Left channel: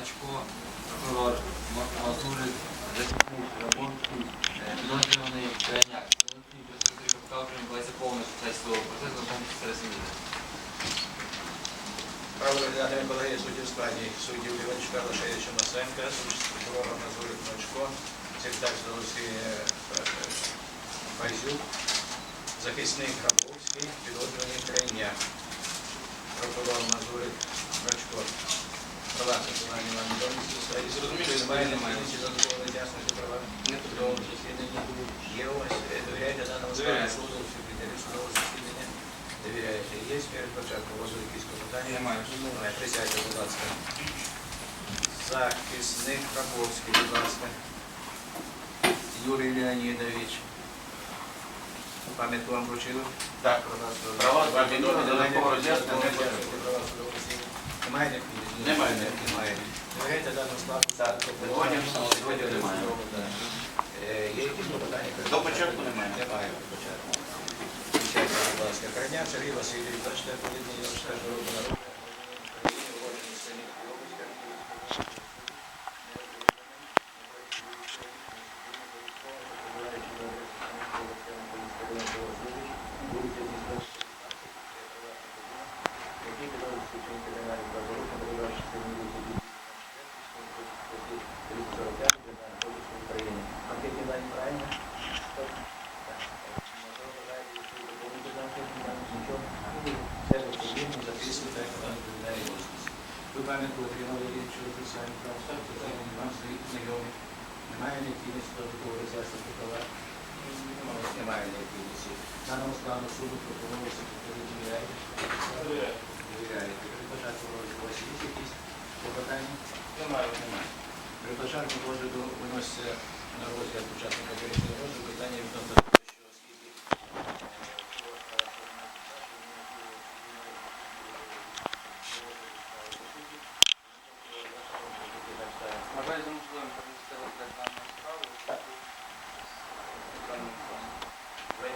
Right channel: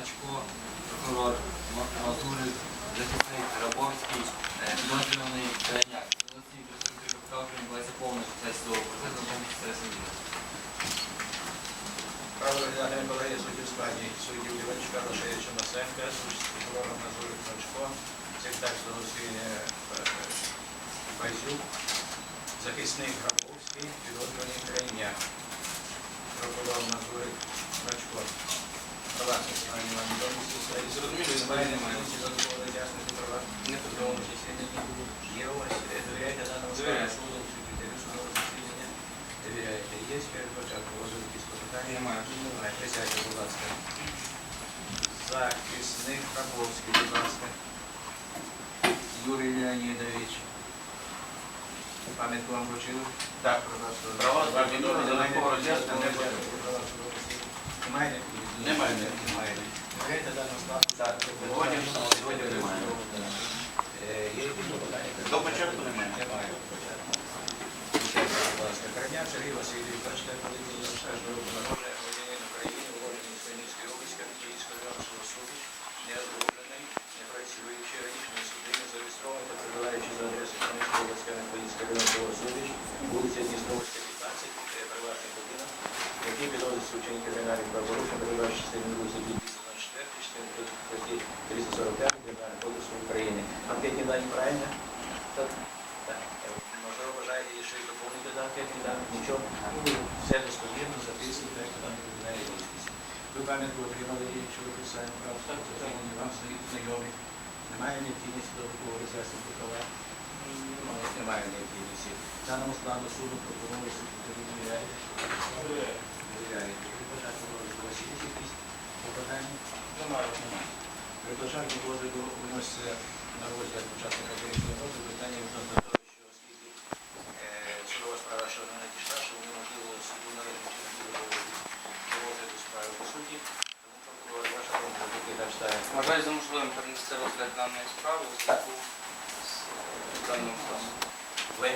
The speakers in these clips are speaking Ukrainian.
Грачко, прокурор Ма- Мазурик, захисник Рабовський, е, підозрюваний Крайняк. Голосні представники КПК відбувається повна фіксація судового процесу тому числі Сергія. Право розглядання колегії суддів складі суддів Іванчука Лошевича Масенка, прокурора Мазурик Ночко, секретар судової Байзюк, захисник Грабовський, підозрюваний Крайняк, прокурор Мазурик Ночко. Права персональні вам відомі ці справі. Зрозуміло, немає, немає. Чи додатково роз'яснити права? Не В судовому засіданні. Є у вас, е, довіряєте даному складу Довіряю. суду, секретарю судового засідання? Довіряєте. Є перед початком розгляду якісь клопотання? Немає. Немає. Присядьте, будь ласка. Захисник Рабовський, будь ласка. Юрій Леонідович. Пам'ятку вам вручили? Так. Права Вам відомі, відомі, додатково роз'яснення не роз'яснення, права судового засідання. Немає необхідності? Немає Немає. Сьогодні сьогодні немає. Е, Є якісь клопотання? До початку немає. Немає до початку. Будь ласка. Корняк Сергій Васильович, 24 липня 94 року народження, громадянин України, уроджений з Хмельницької області, Київського районного суду, не одружений, не працюючи, раніше не судимий, зареєстрований та прибуваючи пам'ятку отримали щодо процесуальних прав, затримані вам свої знайомі. Немає необхідності додаткового роз'яснення права? Немає. Немає необхідності. Даному складу суду пропонується секретарю довіряєте? Довіряєте. При початку розгляду у вас є якісь попитання? Немає. Немає. При початку розгляду виноситься на розгляд початку попереднього розгляду питання відносно того, що оскільки е, судова справа ще не надійшла, що неможливо суду належно до розгляду справи по суті, тому прокурор ваша думка, доки там ставить. Вважаю за можливим перенести розгляд даної справи у зв'язку з даним станом. Ви?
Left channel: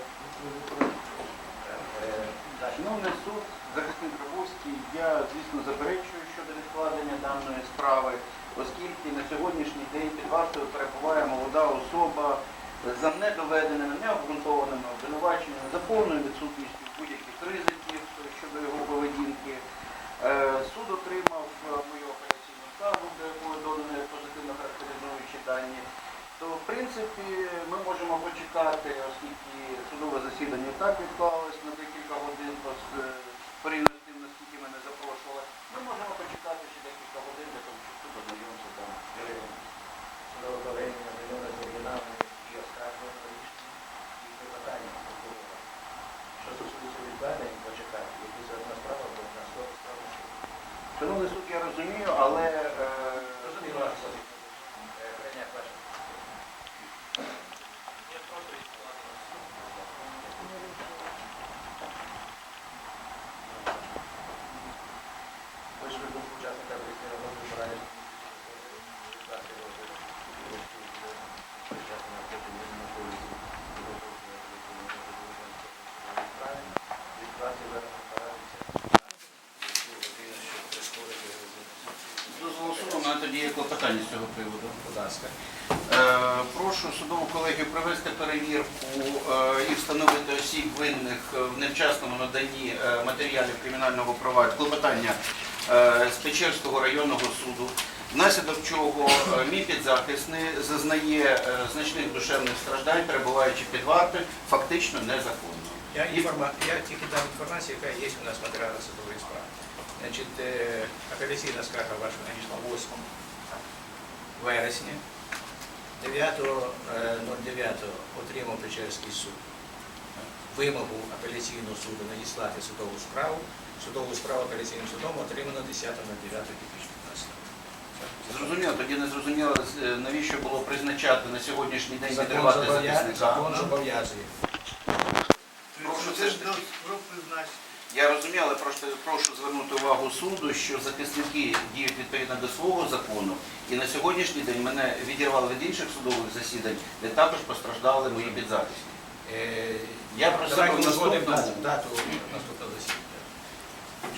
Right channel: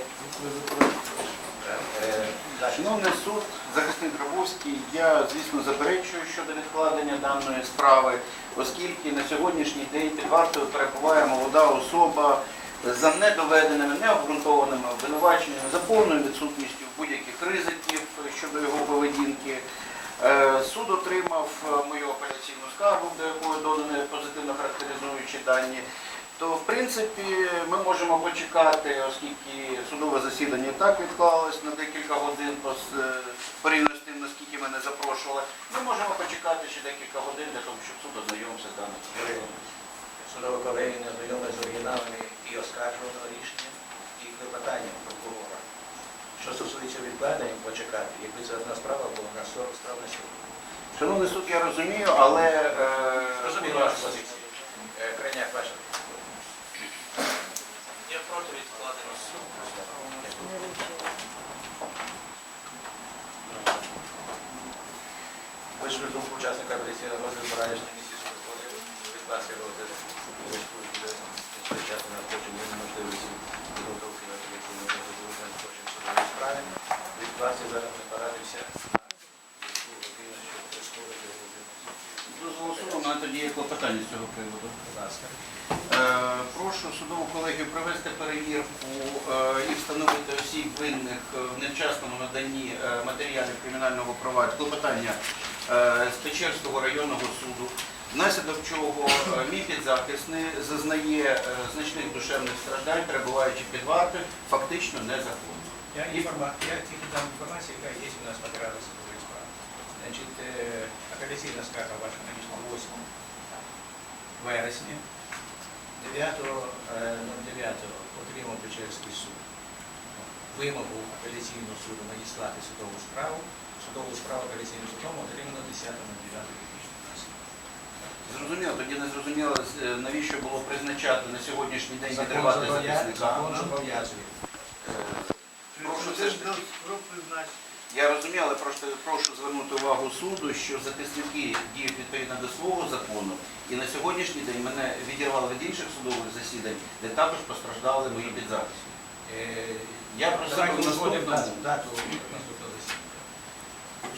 Далі. Шановний суд, захисник Грабовський, я, звісно, заперечую щодо відкладення даної справи, оскільки на сьогоднішній день під вартою перебуває молода особа за недоведеними, необґрунтованими обвинуваченнями, за повною відсутністю будь-яких ризиків щодо його поведінки. Е, Суд отримав е, мою апеляційну скаргу, до якої додані позитивно характеризуючі дані. То, в принципі, ми можемо почекати, оскільки судове засідання і так відклалось на декілька годин е, порівняно з тим, наскільки мене запрошували. Ми можемо почекати ще декілька годин для того, щоб суд ознайомився з даним. Судова колегія не знайома з оригіналами і оскаржуваного рішення, і клопотання прокурора. Що стосується відкладення, почекати, якби це одна справа була на 40 справ на суд. Шановний суд, я розумію, але е, Розумію вашу позицію. Е, Крайняк, ваша. Я проти відкладення суду. Ж думку учасника апеляційного розгляду поранішньої місії суду входили. Від вас його військовий буде чесно надходження неможливості підготовки на апеляційний розгляд надходження судової справи. Від вас я зараз не порадився на дозволу мене тоді є клопотання з цього приводу. Будь ласка. Е, Прошу судову колегію провести перевірку е, і встановити осіб винних в невчасному наданні е, матеріалів кримінального провадження, клопотання з Печерського районного суду, внаслідок чого е, мій підзахисний зазнає е, значних душевних страждань, перебуваючи під вартою, фактично незаконно. Я, інформа... я тільки дам інформацію, яка є у нас в матеріалах судової справи. Значить, е, апеляційна скарга ваша надійшла 8 вересня. 9.09 отримав Печерський суд вимогу апеляційного суду надіслати судову справу. Судову справу апеляційним судом отримано 10.09.2015 року. Зрозуміло, тоді не зрозуміло, е, навіщо було призначати на сьогоднішній день відривати захисника. Закон зобов'язує. Прошу все ж. Я розумію, але просто прошу звернути увагу суду, що захисники діють відповідно до свого закону, і на сьогоднішній день мене відірвали від інших судових засідань, де також постраждали мої підзахисні. Е, Я просив дату, дату наступного засідання,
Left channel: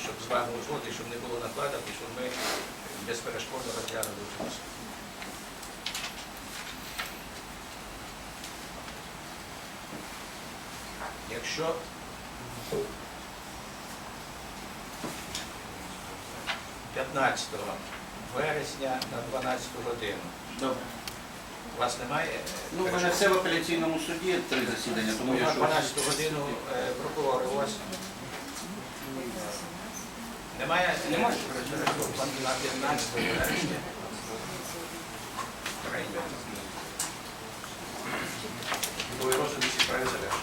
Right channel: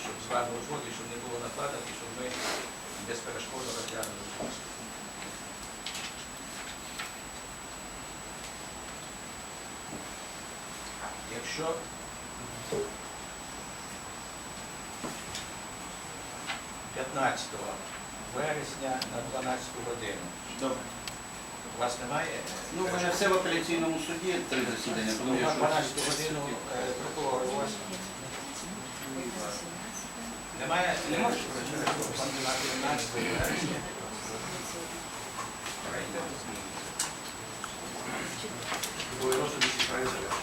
щоб з вами узгодити, щоб не було накладок і щоб ми безперешкодно розглянути у суді. Якщо «15 вересня на 12 годину Добре. у вас немає? е, Ну, в мене все в апеляційному суді, три засідання, тому Ну, я що... 12 годину е, прокурор у вас немає? Немає. На 15 вересня. Прийде. Другий розгляд усі справи завершено.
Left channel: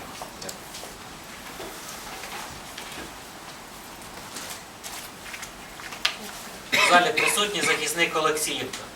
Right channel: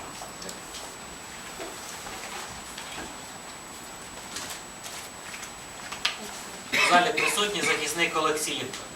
В залі присутній захисник Олексіївка.